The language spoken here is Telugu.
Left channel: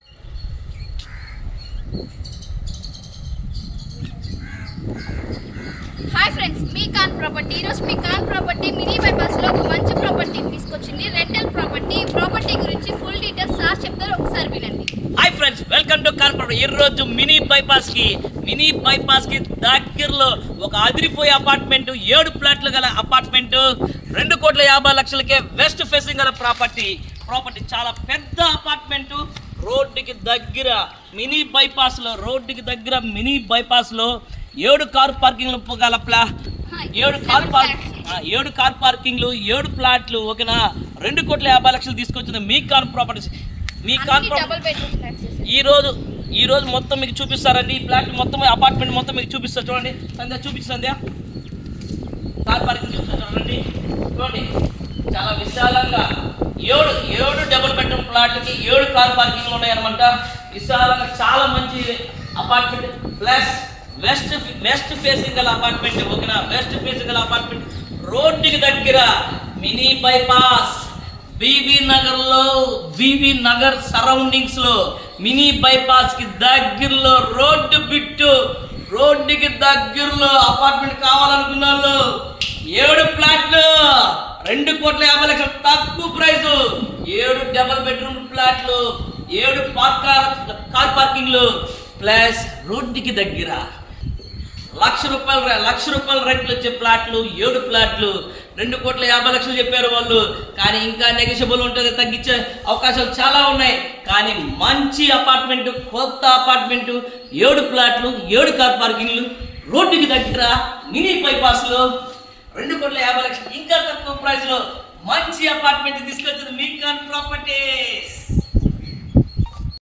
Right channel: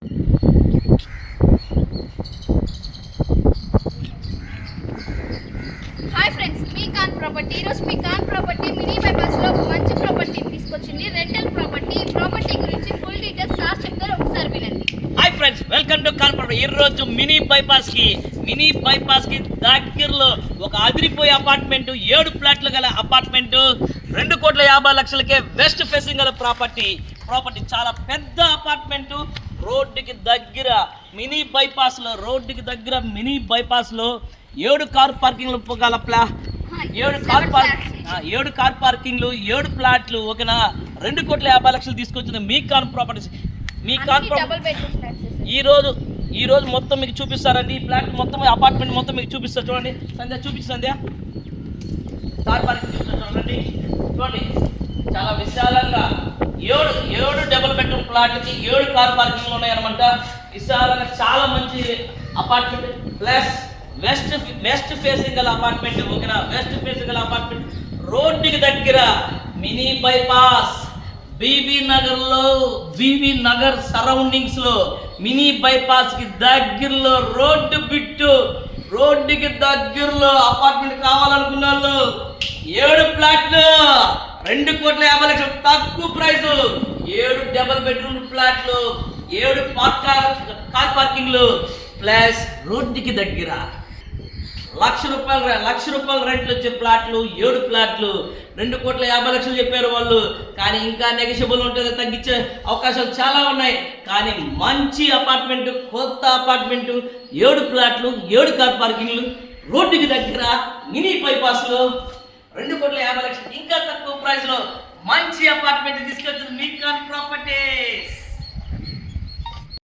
హాయ్ ఫ్రెండ్స్, మీ కాన్ ప్రాపర్టీ. ఈరోజు మీ కాన్ ప్రాపర్టీ మినీ బైపాస్లో ఒక మంచి ప్రాపర్టీని తీసుకొచ్చింది. రెంటల్ ప్రాపర్టీ గురించి ఫుల్ డీటెయిల్స్ సార్ చెప్తారు, ఒకసారి వినండి. హాయ్ ఫ్రెండ్స్, వెల్కమ్ టు కాన్ ప్రాపర్టీ. ఈరోజు మినీ బైపాస్ కి దగ్గరలో ఒక అదిరిపోయే అపార్ట్మెంట్, 7 ఫ్లాట్లు గల అపార్ట్మెంట్, 2,50,00,000కే వెస్ట్ ఫేసింగ్ గల ప్రాపర్టీ చాలా పెద్ద అపార్ట్మెంట్. రోడ్డుకి దగ్గర మినీ బైపాస్లో 7 కార్ పార్కింగ్లు గల 7 కార్ పార్కింగ్లు, 7 ఫ్లాట్లు, ఓకేనా. 2,50,00,000 తీసుకొచ్చింది మీ కాన్ ప్రాపర్టీస్. ఈ రోజు మొత్తం మీకు చూపిస్తారండి. ఈ ఫ్లాట్ మొత్తం, అపార్ట్మెంట్ మొత్తం మీకు చూపిస్తారు. చూడండి సంధ్య, చూపిస్తుంది కార్ పార్కింగ్ చూడండి. చాలా విశాలంగా 7 డబుల్ బెడ్రూమ్ ఫ్లాట్కి 7 కార్ పార్కింగ్లు ఉన్నాయన్నమాట. విశాలంగా చాలా మంచి అపార్ట్మెంట్, ప్లస్ వెస్ట్ ఫేసింగ్ గల అపార్ట్మెంట్, ఓకేనా. వెస్ట్ ఫేసింగ్ గల అపార్ట్మెంట్, రోడ్డుకి దగ్గర mini bypass, BV Nagar surroundings లో, మినీ బైపాస్ కి దగ్గరలో, రోడ్డుకి దగ్గరలో అపార్ట్మెంట్ కావాలనుకున్న వాళ్ళు 7 ఫ్లాట్లు, 2,50,00,000 తక్కువ ప్రైస్, 7 డబుల్ బెడ్రూమ్ ఫ్లాట్లు, 7 కార్ పార్కింగ్లు, ప్లస్ రోడ్డుకి దగ్గర ₹1,00,000 రెంట్లు వచ్చే ఫ్లాట్లు, 7 ఫ్లాట్లు, 2,50,00,000 చెప్పారు వాళ్ళు. కానీ ఇంకా నెగోషియబుల్ ఉంటుంది, తగ్గించే అవకాశాలు చాలా ఉన్నాయి. కానీ మంచి అపార్ట్మెంట్, కొత్త అపార్ట్మెంట్, 7 ఫ్లాట్లు, 7 కార్ పార్కింగ్లు, రోడ్డుకి దగ్గర మినీ బైపాస్లో, 2,50,00,000 ఇంకా తక్కువ ప్రైస్లో మంచి అపార్ట్మెంట్ తీసుకొచ్చింది మీ కాన్ ప్రాపర్టీస్.